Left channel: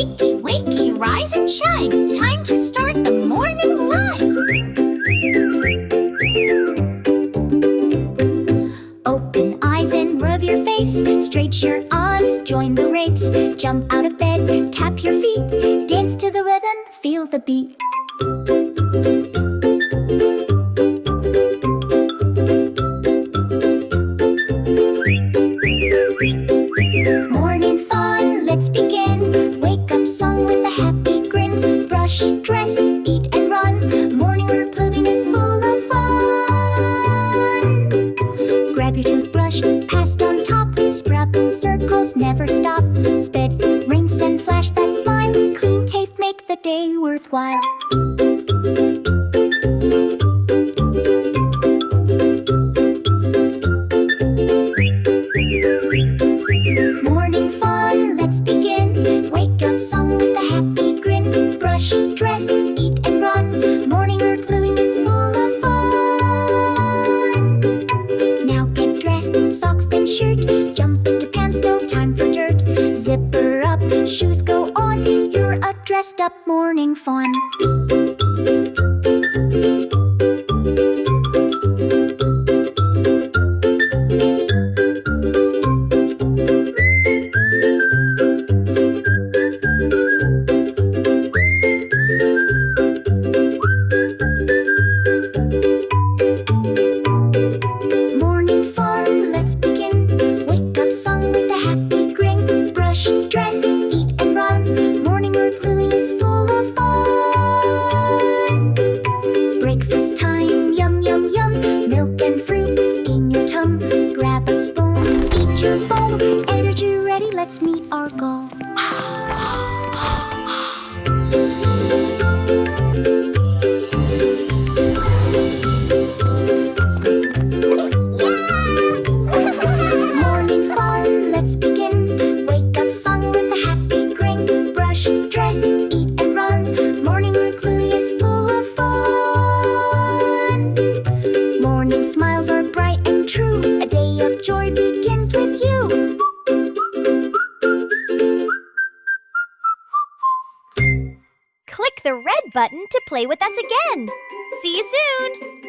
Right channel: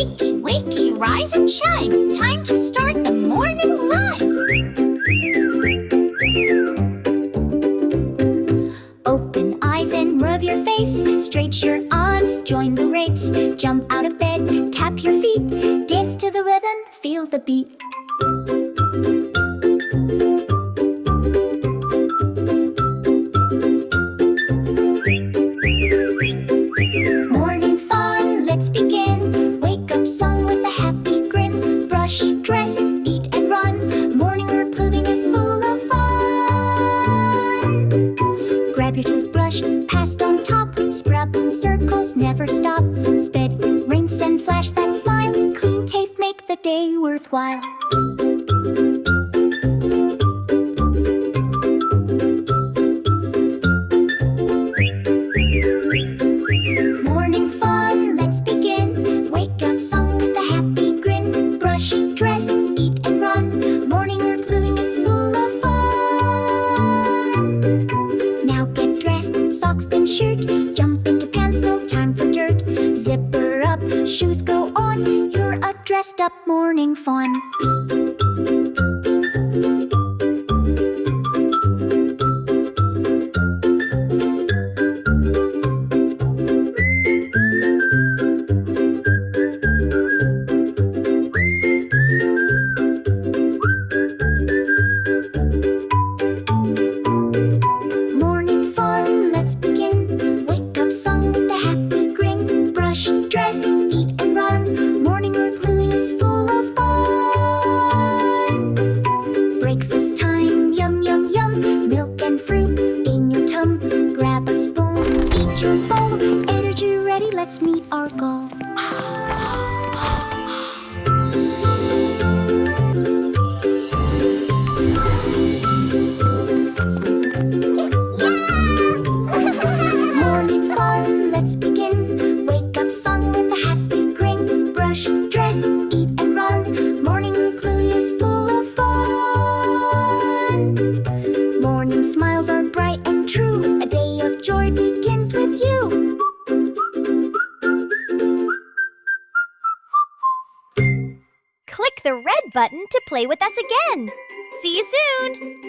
Wakey, wakey, rise and shine. Time to start the morning live. Open eyes and rub your face. Stretch your arms, join the race. Jump out of bed, tap your feet. Dance to the rhythm, feel the beat. Morning fun, let's begin. Wake up song with a happy grin. Brush, dress, eat and run. Morning wear clothing is full of fun. Grab your toothbrush, passed on top. Sprout in circles, never stop. Spit, rinse and flash that smile. Clean teeth make the day worthwhile. Morning fun, let's begin. Wake up song with a happy grin. Brush, dress, eat and run. Morning wear clothing is full of fun. Now get dressed, socks then shirt. Jump into pants, no time for dirt. Zipper up, shoes go on. You're a dressed up morning fun. Morning fun, let's begin. Wake up song with a happy grin. Brush, dress, eat and run. Morning wear clothing is full of fun. Breakfast time, yum yum yum. Milk and fruit in your tum. Grab a spoon, eat your bowl. Energy ready, let's meet our goal. Morning fun, let's begin. Wake up song with a happy grin. Brush, dress, eat and run. Morning wear clothing is full of fun. Morning smiles are bright and true. A day of joy begins with you. Click the red button to play with us again. See you soon!